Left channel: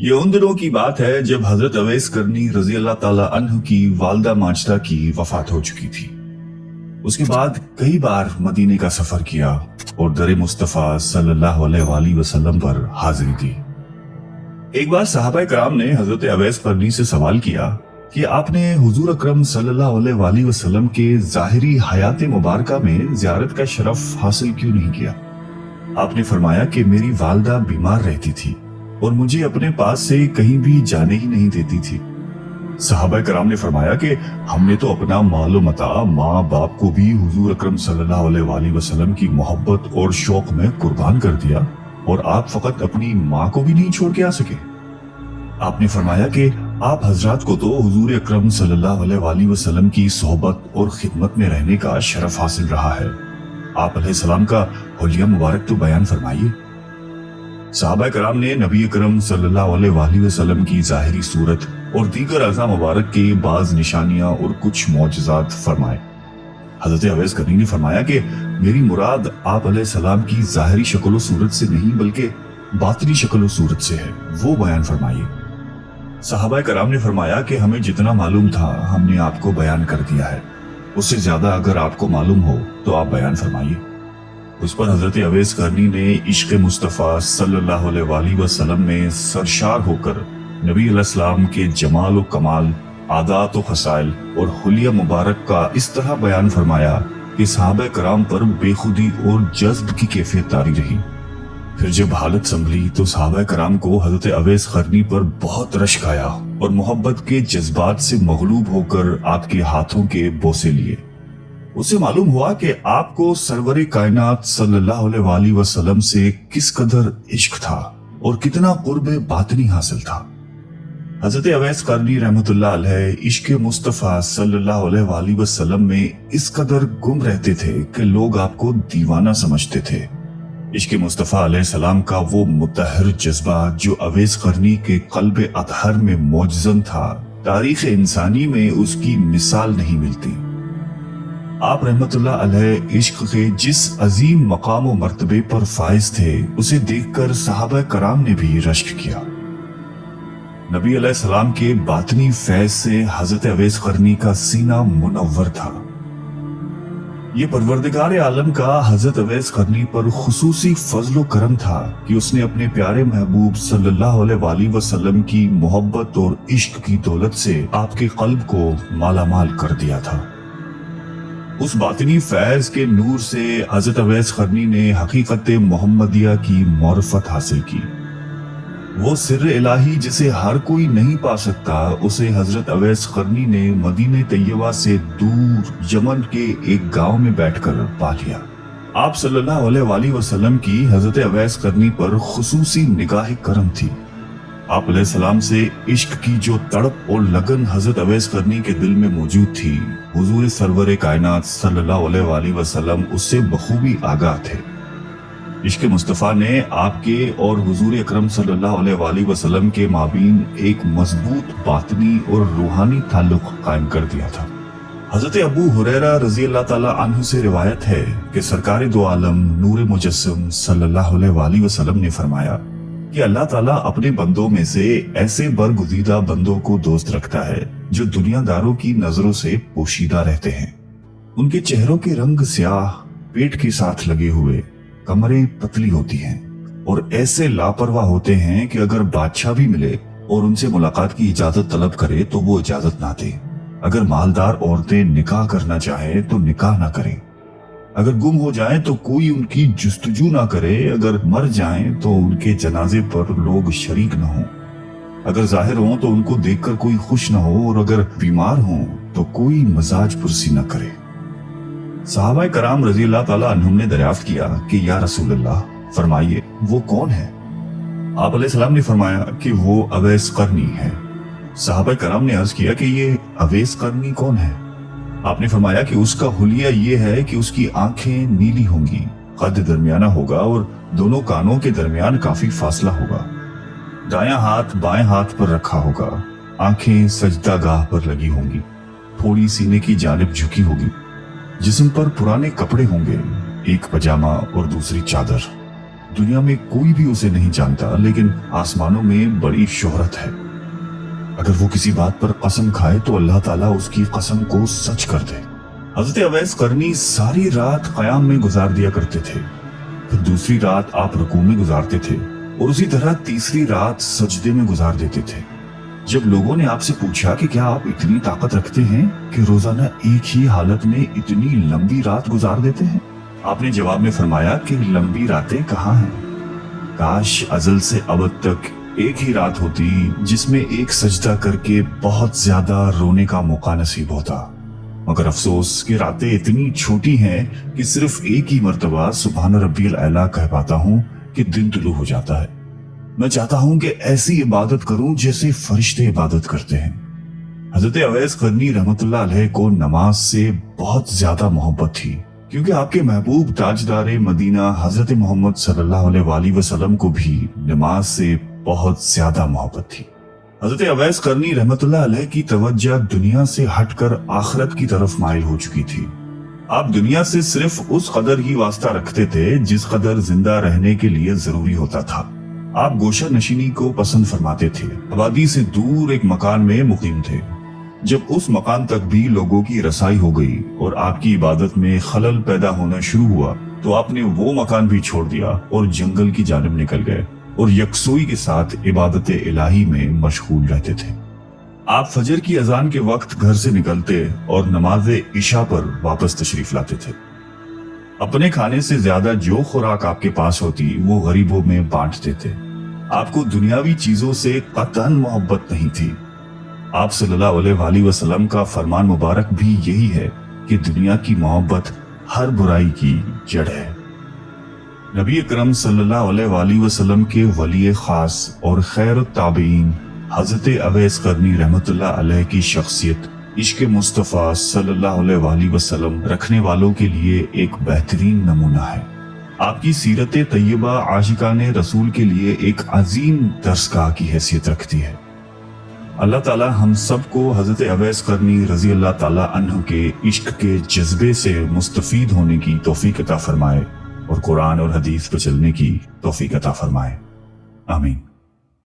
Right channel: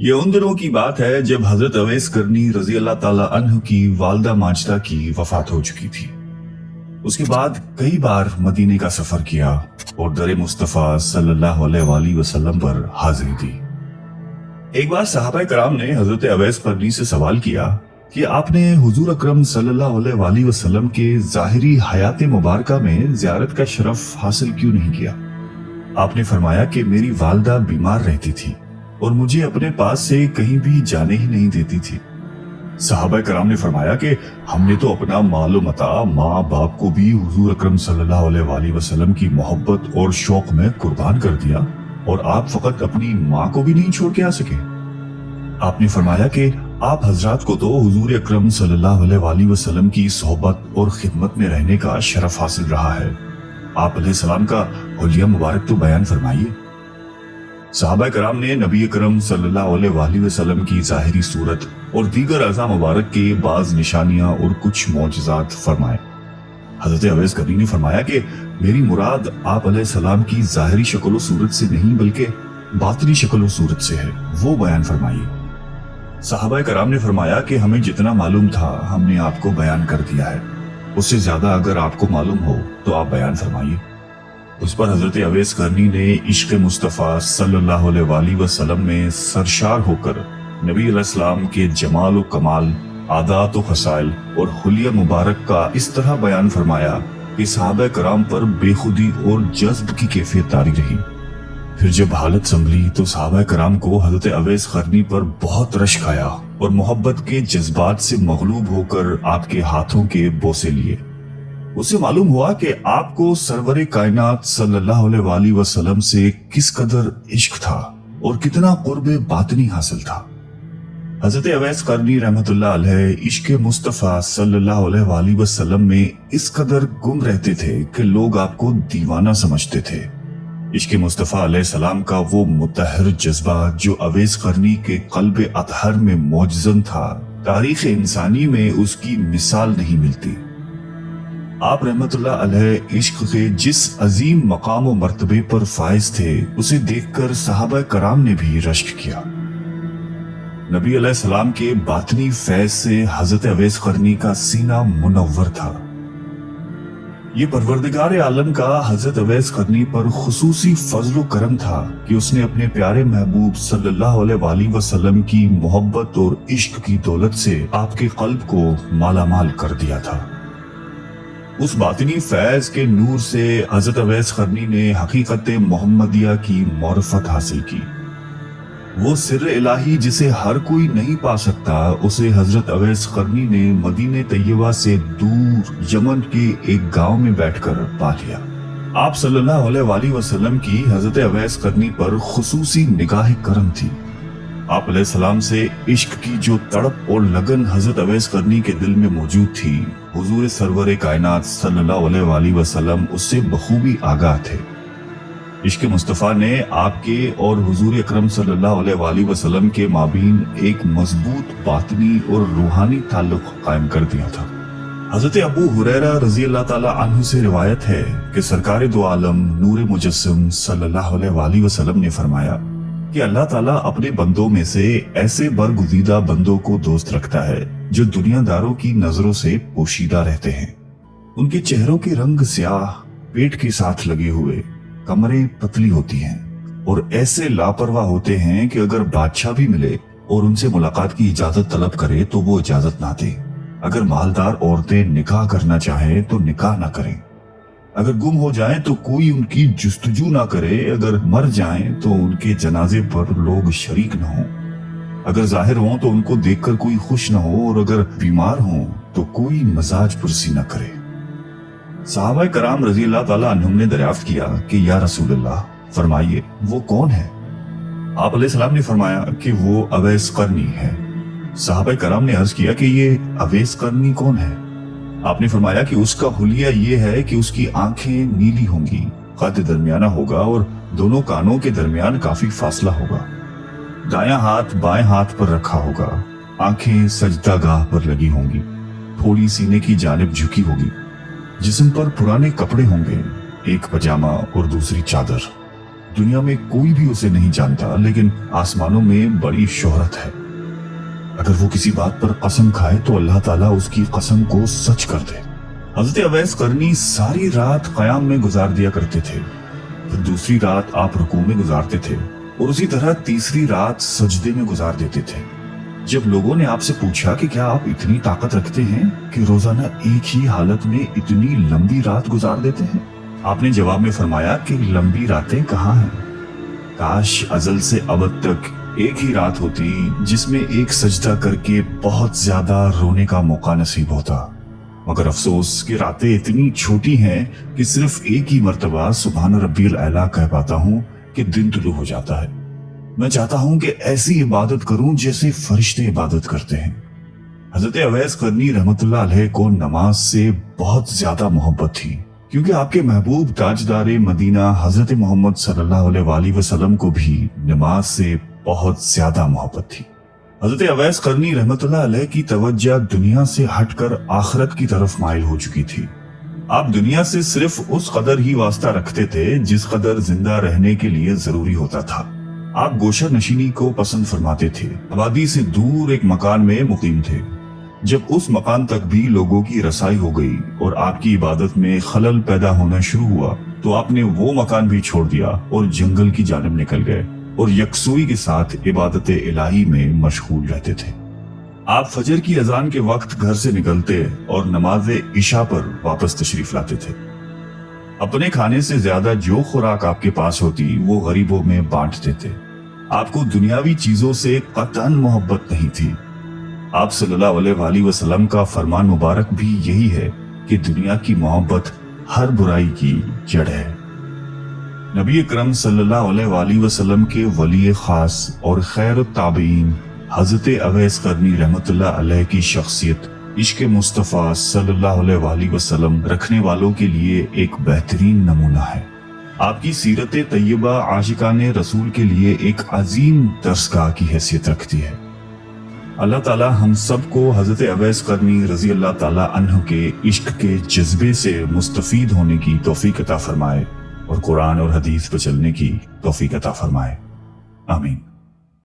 ये उन दिनों की बात है जब हजरत अवैस करनी रजी अल्लाह ताला अन्हु की वालदा माजदा की वफात हो चुकी थी। उसके बाद कई बार मदीने का सफर किया और दर मुस्तफा सल्लल्लाहु अलैहि वसल्लम पर हाजिरी दी। एक बार सहाबा कराम ने हजरत अवैस करनी से सवाल किया कि आपने हुजूर अकरम सल्लल्लाहु अलैहि वसल्लम के जाहिरी हयात मुबारका में ज़ियारत का शरफ हासिल क्यों नहीं किया? आपने फरमाया कि मेरी वालदा बीमार रहती थी और मुझे अपने पास से कहीं भी जाने ही नहीं देती थी। सहाबा कराम ने फरमाया कि हमने तो अपना मालो मता माँ बाप को भी हुजूर अकरम सल्लल्लाहु अलैहि वसल्लम की मोहब्बत और शौक में कुर्बान कर दिया और आप फकत अपनी माँ को भी नहीं छोड़ के आ सके। आपने फरमाया कि आप हजरात को तो हुजूर अकरम सल्लल्लाहु अलैहि वसल्लम की सोहबत और खिदमत में रहने का शरफ हासिल रहा है। आप अलैहिस्सलाम का हुलिया मुबारक तो बयान फरमाइए। सहाबा कराम ने नबी अकरम सल्लल्लाहु अलैहि वसल्लम की जाहिरी सूरत और दीगर अज़ा मुबारक की बाज निशानियां और कुछ मौजज़ात फरमाए। हजरत अवैस करनी ने फरमाया कि मेरी मुराद आप अलैहिस्सलाम की जाहिरी शक्ल और सूरत से नहीं बल्कि बातिनी शक्ल और सूरत से है, वो बयान फरमाइए। सहाबा कराम ने फरमाया कि हमें जितना मालूम था हमने आपको बयान कर दिया है, उससे ज्यादा अगर आपको मालूम हो तो आप बयान फरमाइए। उस पर हजरत अवैस करनी ने इश्क मुस्तफ़ा सल्लल्लाहु अलैहि वसल्लम में सरशार होकर नबी अलैहिस्सलाम के जमाल व कमाल, आदात व खसाइल और हुलिया मुबारक का इस तरह बयान फरमाया कि सहाबा कराम पर बेखुदी और जज्ब की कैफियत तारी रही। फिर जब हालत संभली तो सहाबा कराम को हजरत अवैस करनी पर बहुत रश्क आया और मोहब्बत के जज्बात से मगलूब होकर आपके हाथों के बोसे लिए। उसे मालूम हुआ कि आपको सरवरे कायनात सल्लल्लाहु अलैहि वसल्लम से किस कदर इश्क था और कितना कुर्बे बातिनी हासिल था। हजरत अवैस करनी रहमतुल्लाह अलैह इश्क मुस्तफ़ा सल्लल्लाहु अलैहि वसल्लम में इस कदर गुम रहते थे कि लोग आपको दीवाना समझते थे। इश्क मुस्तफ़ा अलैहिस्सलाम का वो मुतहर जज्बा जो अवैस करनी के क़ल्ब अतहर में मौजज़न था, तारीख़ इंसानी में उसकी मिसाल नहीं मिलती। आप रहमतुल्लाह अलैह इश्क के जिस अजीम मकाम व मर्तबे पर फाइज थे उसे देखकर सहाबा कराम ने भी रश्क किया। नबी अलैहिस्सलाम के बातनी फैज से हजरत अवैस करनी का सीना मुनव्वर था। ये परवरदिगार आलम का हजरत अवैस करनी पर खुसूसी फजलो करम था कि उसने अपने प्यारे महबूब सल्लल्लाहु अलैहि वसल्लम की मोहब्बत और इश्क की दौलत से आपके कल्ब को मालामाल कर दिया था। उस बातिनी फैज के नूर से हजरत अवैस करनी ने हकीकत मोहम्मदिया की मारिफत हासिल की। वो सिर्र इलाही जिसे हर कोई नहीं पा सकता, उसे हजरत अवैस करनी ने मदीने तैयबा से दूर यमन के एक गांव में बैठकर पा लिया। आप सल्लल्लाहु अलैहि वसल्लम की हजरत अवैस करनी पर खुसूसी निगाह करम थी। आप अलैहिस्सलाम से इश्क की जो तड़प और लगन हजरत अवैस करनी के दिल में मौजूद थी, हुजूर सरवरे कायनात सल्लल्लाहु अलैहि वसल्लम उससे बखूबी आगाह थे। इश्क मुस्तफ़ा ने आपके और हुजूर अकरम सल्लल्लाहु अलैहि वसल्लम के माबीन एक मजबूत बातनी और रूहानी ताल्लुक कायम कर दिया था। हजरत अबू हुरैरा रजी अल्लाह ताला अन्हु से रिवायत है कि सरकार दो आलम नूर मुजस्सम सल्लल्लाहु अलैहि वसल्लम ने फरमाया कि अल्लाह ताला अपने बंदों में से ऐसे बरगुज़ीदा बंदों को दोस्त रखता है जो दुनियादारों की नजरों से पोशीदा रहते हैं। उनके चेहरों के रंग स्याह, पेट के साथ लगे हुए, कमरें पतली होती हैं और ऐसे लापरवाह होते हैं कि अगर बादशाह भी मिले और उनसे मुलाकात की इजाजत तलब करे तो वो इजाजत ना दे। अगर मालदार औरतें निकाह करना चाहे तो निकाह ना करे। अगर गुम हो जाएं तो कोई उनकी जुस्तजू ना करे। अगर मर जाएं तो उनके जनाजे पर लोग शरीक न हों। अगर जाहिर हों तो उनको देखकर कोई खुश न हो और अगर बीमार हों तो कोई मजाज पुरसी न करे। सहाबा कराम रजी अल्लाह ताला अन्हुम ने दरियाफ्त किया कि या रसूलल्लाह, फरमाइए वो कौन है? आप अलैहिस्सलाम ने फरमाया कि वो अवैस करनी है। सहाबा कराम ने अर्ज किया कि ये अवैस करनी कौन है? आपने फरमाया कि उसका हुलिया ये है कि उसकी आंखें नीली होंगी, कद दरमियाना होगा और दोनों कानों के दरमियान काफी फासला होगा, दायां हाथ बाएं हाथ पर रखा होगा, आंखें सजदागाह पर लगी होंगी, थोड़ी सीने की जानिब झुकी होगी, जिस्म पर पुराने कपड़े होंगे, एक पजामा और दूसरी चादर। दुनिया में कोई भी उसे नहीं जानता, लेकिन आसमानों में बड़ी शोहरत है। अगर वो किसी बात पर कसम खाए तो अल्लाह ताला उसकी कसम को सच कर दे। हजरत अवैस करनी सारी रात क़याम में गुजार दिया करते थे, फिर दूसरी रात आप रुकू में गुजारते थे और उसी तरह तीसरी रात सजदे में गुजार देते थे। जब लोगों ने आपसे पूछा कि क्या आप इतनी ताकत रखते हैं कि रोजाना एक ही हालत में इतनी लंबी रात गुजार देते हैं, आपने जवाब में फरमाया कि लंबी रातें कहाँ हैं। काश अजल से अबद तक एक ही रात होती जिसमें एक सजदा करके बहुत ज्यादा रोने का मौका नसीब होता। मगर अफसोस कि रातें इतनी छोटी हैं कि सिर्फ एक ही मर्तबा सुभान रब्बियल आला कह पाता हूँ कि दिन तुलू हो जाता है। मैं चाहता हूं कि ऐसी इबादत करूं जैसे फरिश्ते इबादत करते हैं। हजरत अवैस करनी रहमतुल्लाह अलैह को नमाज से बहुत ज्यादा मोहब्बत थी, क्योंकि आपके महबूब ताजदारे मदीना हजरत मोहम्मद सल्लल्लाहु अलैहि वसल्लम को भी नमाज से बहुत ज्यादा मोहब्बत थी। हजरत अवैस करनी रहमतुल्लाह अलैह की तवज्जो दुनिया से हटकर आखिरत की तरफ माइल हो चुकी थी। आप दुनिया से सिर्फ उस कदर ही वास्ता रखते थे जिस कदर जिंदा रहने के लिए जरूरी होता था। आप गोशर नशीनी को पसंद फरमाते थे। आबादी से दूर एक मकान में मुकीम थे। जब उस मकान तक भी लोगों की रसाई हो गई और आपकी इबादत में खलल पैदा होना शुरू हुआ तो आपने वो मकान भी छोड़ दिया और जंगल की जानिब निकल गए और यकसोई के साथ इबादत इलाही में मशगूल रहते थे। आप फजर की अजान के वक्त घर से निकलते और नमाज इशा पर वापस तशरीफ लाते थे। अपने खाने से ज्यादा जो खुराक आपके पास होती वो गरीबों में बांटते थे। आपको दुनियावी चीजों से कतन मोहब्बत नहीं थी। आप सल्लल्लाहु अलैहि वसल्लम का फरमान मुबारक भी यही है कि दुनिया की मोहब्बत हर बुराई की जड़ है। नबी अकरम सल्लल्लाहु अलैहि वसल्लम के वली खास और खैरुत ताबईन हजरत अवैस करनी रहमतुल्लाह अलैह की शख्सियत इश्क मुस्तफ़ा सल्लल्लाहु अलैहि वसल्लम रखने वालों के लिए एक बेहतरीन नमूना है। आपकी सीरत तैयबा आशिकाने रसूल के लिए एक अजीम दर्सगाह की हैसियत रखती है। अल्लाह ताला हम सबको हजरत अवैस करनी रजी अल्लाह ताला अन्हु के इश्क के जज्बे से मुस्तफीद होने की तौफीक अता फरमाए और कुरान और हदीस पर चलने की तौफीक अता फरमाए। आमीन।